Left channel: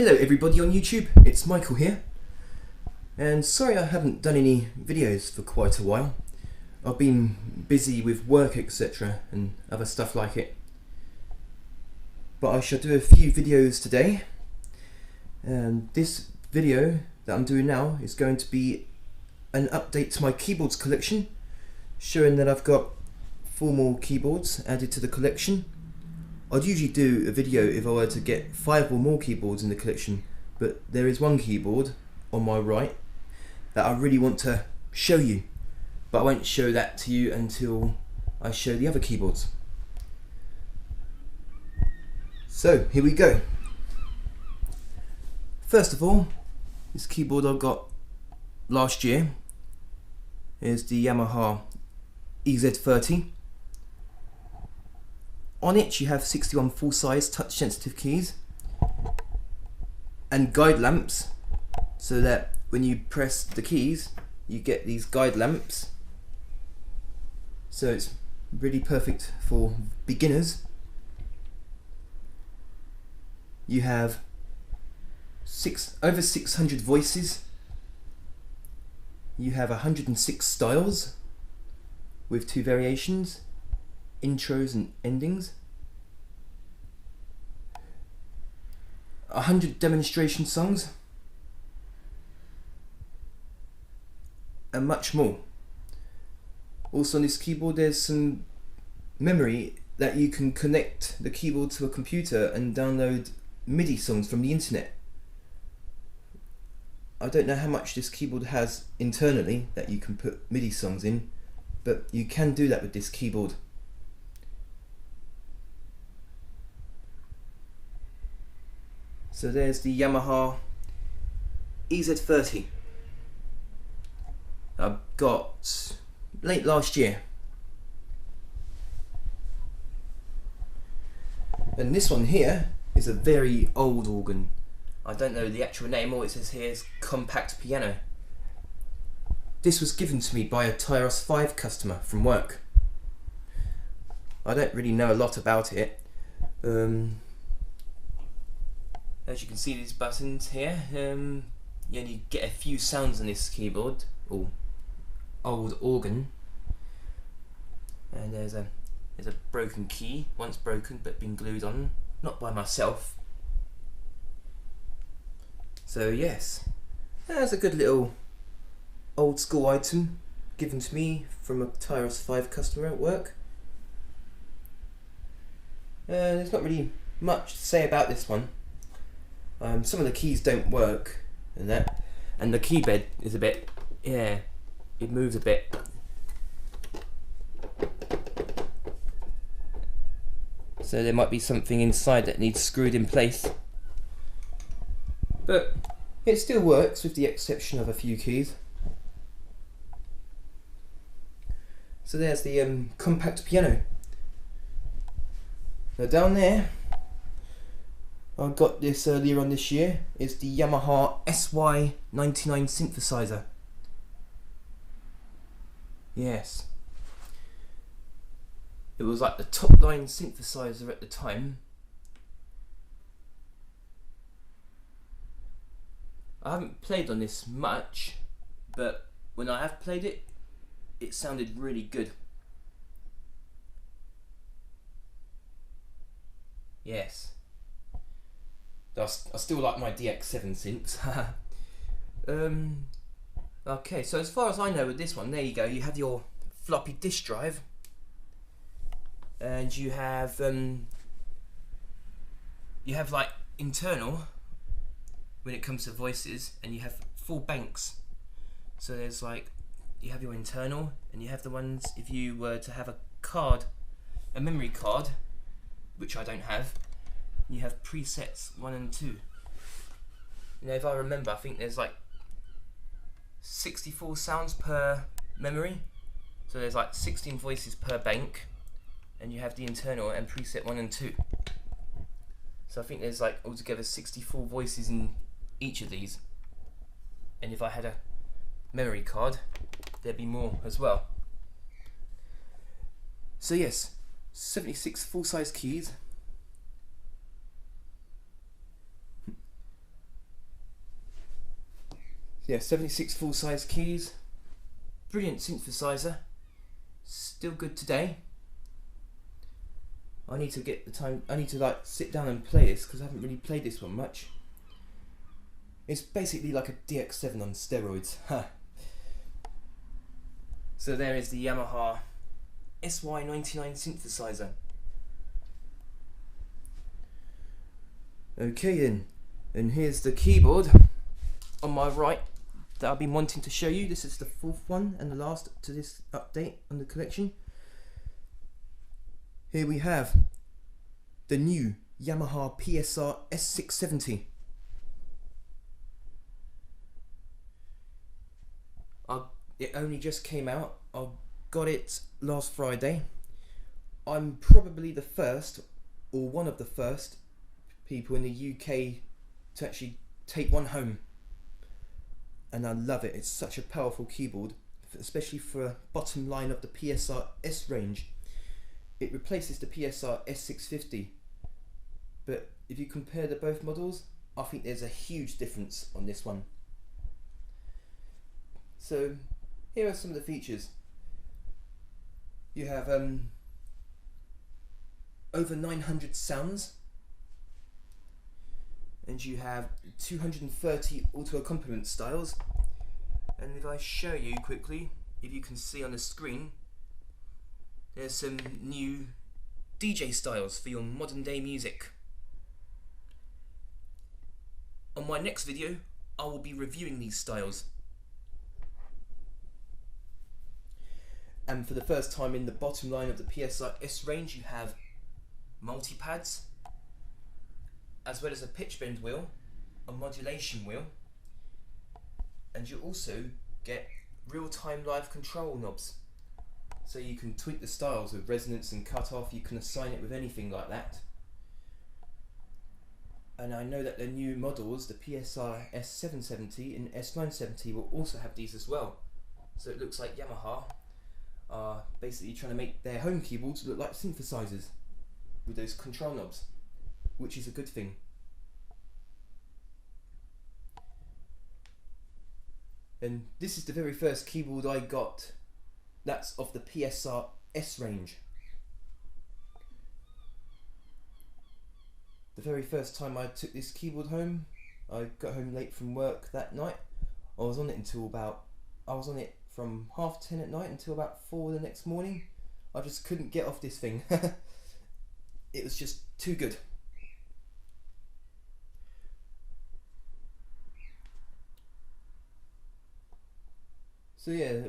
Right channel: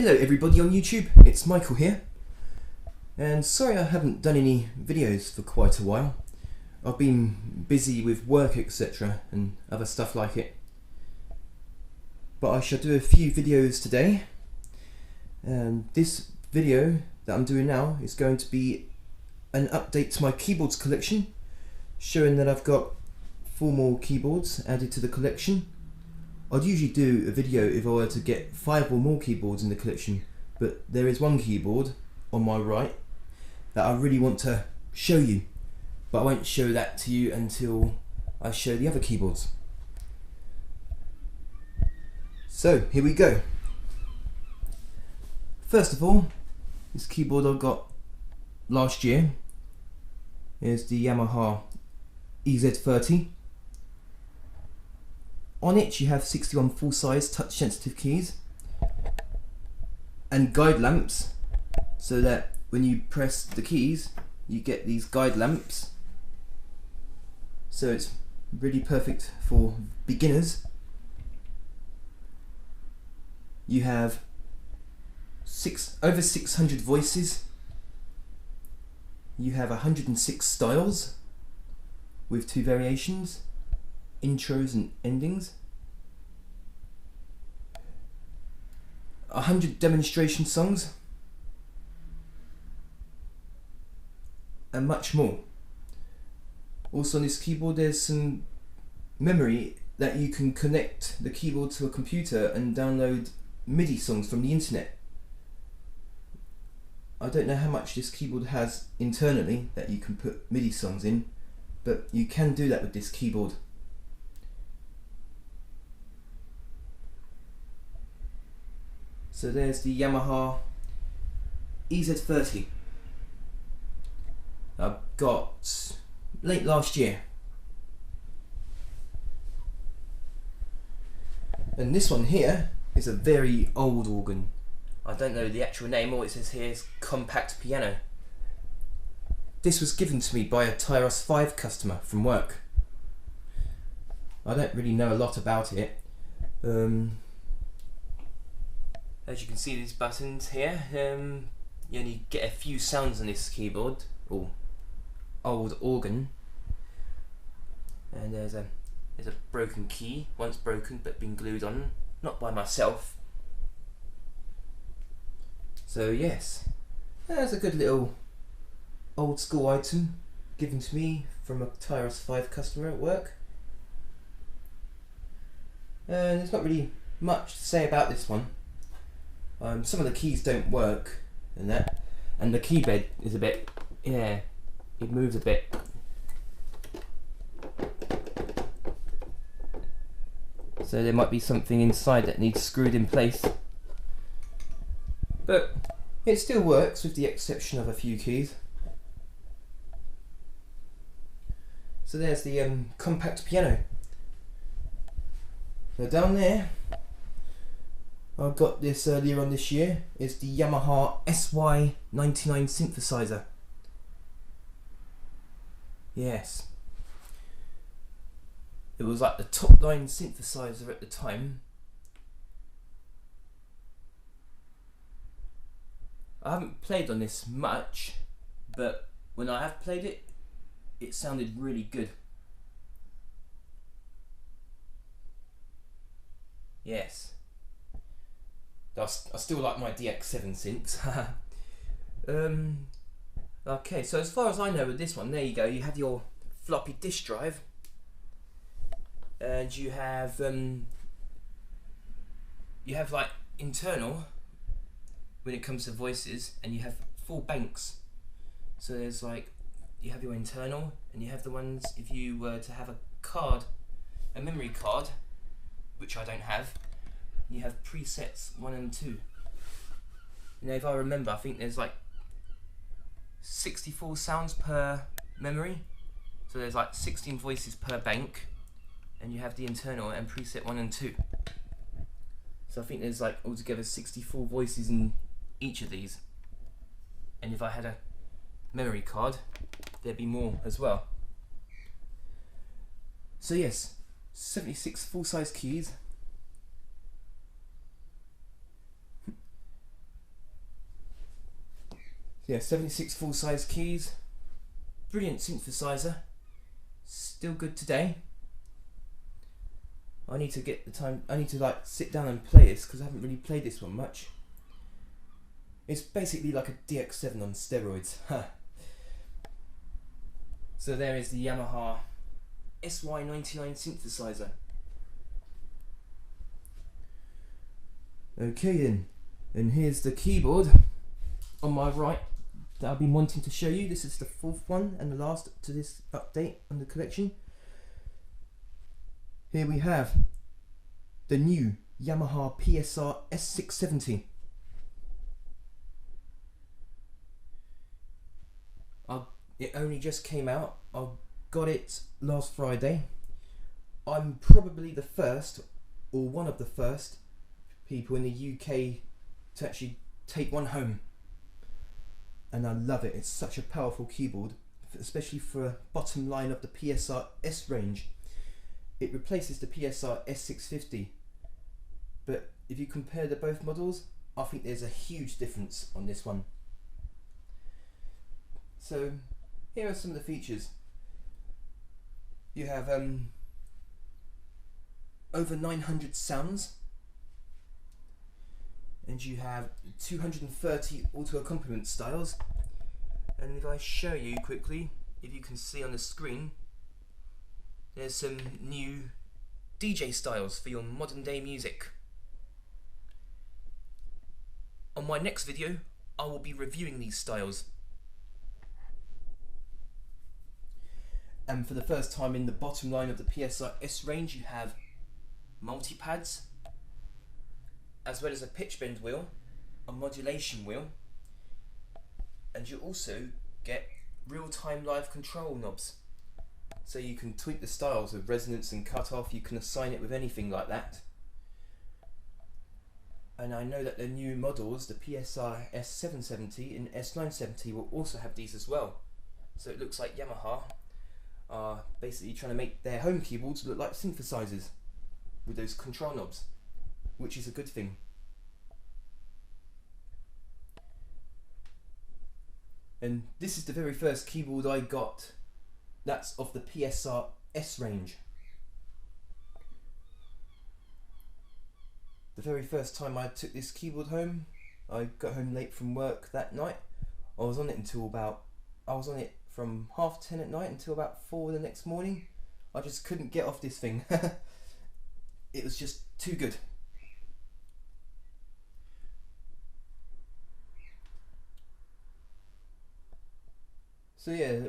Hello everybody on YouTube, it's Michael here, and sorry I haven't done any videos for quite a while. I've been busy with work etc and other stuff like it, but I shall do a few videos today. And this video that I'm doing now is going to be an update to my keyboards collection, showing that I've got 4 more keyboards added to the collection. I'd usually do a video if I were to get 5 or more keyboards in the collection, but there is one keyboard on my right that I really want to show you, but I won't show that to you until I show the other keyboards. So here we go. First of all, this keyboard I got last year is the Yamaha EZ-30. On it you have 61 full-size touch-sensitive keys and guide lamps, so that when you press the keys you get these guide lamps, so it's really perfect for beginners. You have over 600 voices. You have 106 styles with 2 variations, intros and endings, 100 demonstration songs, and much more. Also on this keyboard there's some memory that you can connect the keyboard to a computer and download MIDI songs from the internet. I don't know how much this keyboard has internally that you can put MIDI songs in, but you can do that with this keyboard. So there's the Yamaha EZ-30 I got late last year. And this one here is a very old organ. I don't know the actual name, all it says here is compact piano. This was given to me by a Tyros 5 customer from work. I don't really know a lot about it. As you can see, these buttons here, you only get a few sounds on this keyboard, or old organ. And there's a broken key, once broken but been glued on, not by myself. So yes, that's a good little old school item given to me from a Tyros 5 customer at work. There's not really much to say about this one. Some of the keys don't work and the key bed is a bit, yeah, it moves a bit. So there might be something inside that needs screwed in place. But it still works with the exception of a few keys. So there's the compact piano. Now down there, I got this earlier on this year, is the Yamaha SY99 synthesizer. Yes. It was like the top line synthesizer at the time. I haven't played on this much, but when I have played it, it sounded really good. Yes. I still like my DX7 synths. Okay, so as far as I know with this one, there you go, you have your floppy disk drive, and you have like internal when it comes to voices, and you have 4 banks. So there's like, you have your internal, and you have the ones if you were to have a memory card, which I don't have. You have presets 1 and 2. You know, if I remember, I think there's like 64 sounds per memory, so there's like 16 voices per bank, and you have the internal and preset 1 and 2. So I think there's like altogether 64 voices in each of these, and if I had a memory card there'd be more as well. So yes, 76 full-size keys, Yeah, 76 full-size keys, brilliant synthesizer, still good today. I need to get the time, I need to like sit down and play this because I haven't really played this one much. It's basically like a DX7 on steroids. So there is the Yamaha SY99 synthesizer. Okay then, and here's the keyboard on my right that I've been wanting to show you. This is the fourth one and the last to this update on the collection. Here we have the new Yamaha PSR-S670. It only just came out. I got it last Friday. I'm probably the first, or one of the first, people in the UK to actually take one home. And I love it. It's such a powerful keyboard, especially for a bottom line of the PSR-S range. It replaces the PSR-S650. But if you compare the both models, I think there's a huge difference on this one. So here are some of the features. You have over 900 sounds, and you have 230 auto accompaniment styles. And if I show you quickly, if you can see on the screen, there's some new DJ styles for your modern day music. On my next video, I will be reviewing these styles. And for the first time in the bottom line of the PSR-S range, you have multi-pads, as well as a pitch bend wheel, a modulation wheel, and you also get real-time live control knobs. So you can tweak the styles with resonance and cut-off, you can assign it with anything like that. And I know that the new models, the PSR-S770 and S970, will also have these as well. So it looks like Yamaha are basically trying to make their home keyboards look like synthesizers with those control knobs, which is a good thing. And this is the very first keyboard I got that's of the PSR-S range. The very first time I took this keyboard home, I got home late from work that night. I was on it from 10:30 at night until about 4 the next morning. I just couldn't get off this thing. It was just too good. So yeah,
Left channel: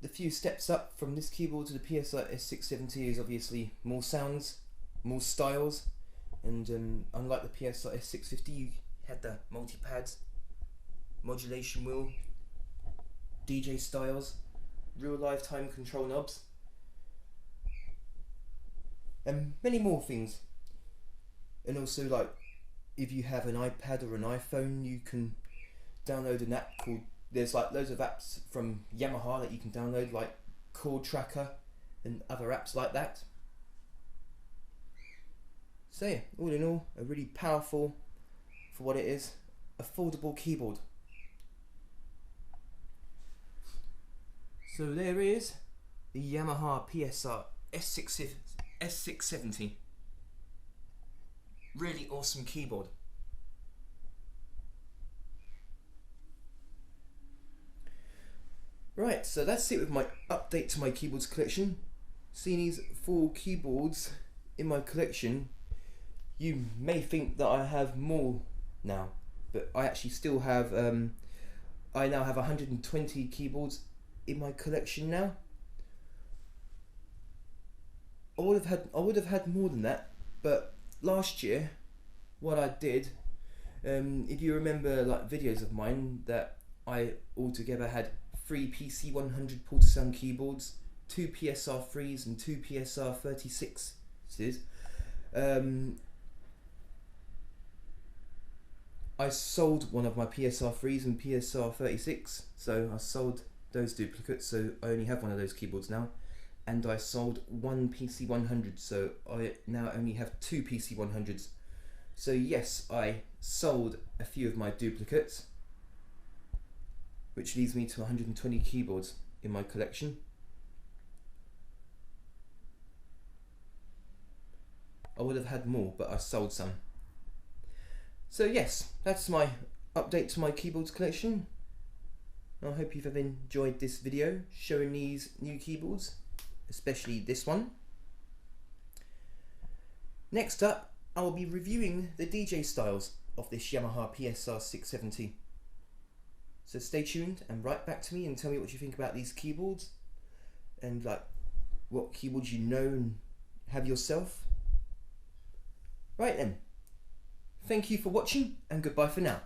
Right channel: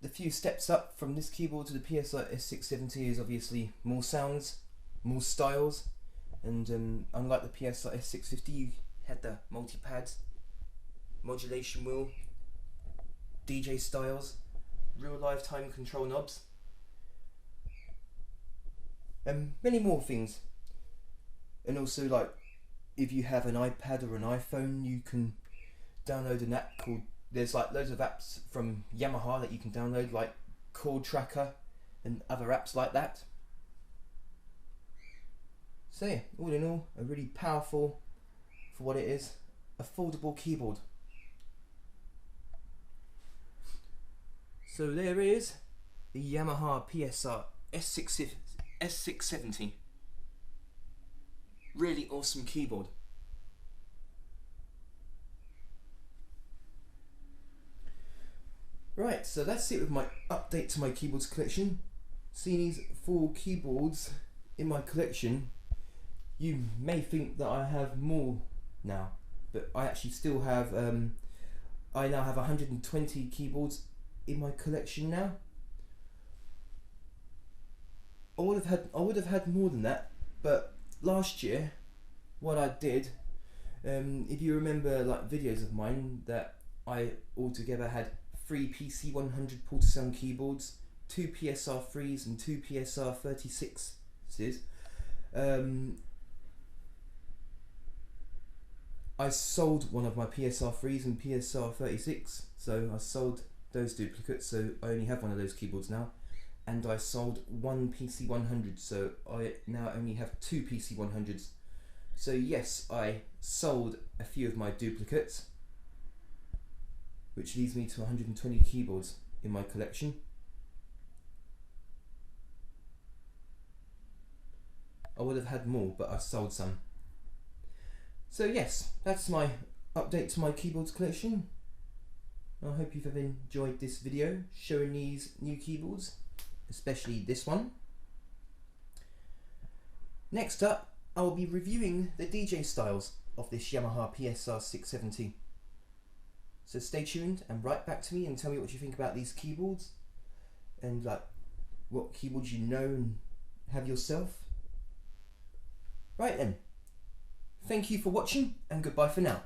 the few steps up from this keyboard to the PSR-S670 is obviously more sounds, more styles, and unlike the PSR-S650, you had the multi-pads, modulation wheel, DJ styles, real lifetime control knobs, and many more things. And also, like, if you have an iPad or an iPhone, you can download an app called, there's like loads of apps from Yamaha that you can download, like Chord Tracker and other apps like that. So yeah, all in all, a really powerful, for what it is, affordable keyboard. So there is the Yamaha PSR-S670. Really awesome keyboard. Right, so that's it with my update to my keyboards collection. Seeing these 4 keyboards in my collection, you may think that I have more now, but I actually still have, I now have 120 keyboards in my collection now. I would have had more than that, but last year, what I did, if you remember like videos of mine, that I altogether had 3 PC100 Portasound keyboards, 2 PSR-3s and 2 PSR-36s. I sold one of my PSR-3s and PSR-36, so I sold those duplicates, so I only have one of those keyboards now. And I sold 1 PC100, so I now only have 2 PC100s. So yes, I sold a few of my duplicates, which leaves me to 120 keyboards in my collection. I would have had more, but I sold some. So yes, that's my update to my keyboards collection. I hope you've enjoyed this video showing these new keyboards, especially this one. Next up, I will be reviewing the DJ styles of this Yamaha PSR-S670. So stay tuned and write back to me and tell me what you think about these keyboards and like what keyboards you know and have yourself. Right then, thank you for watching and goodbye for now.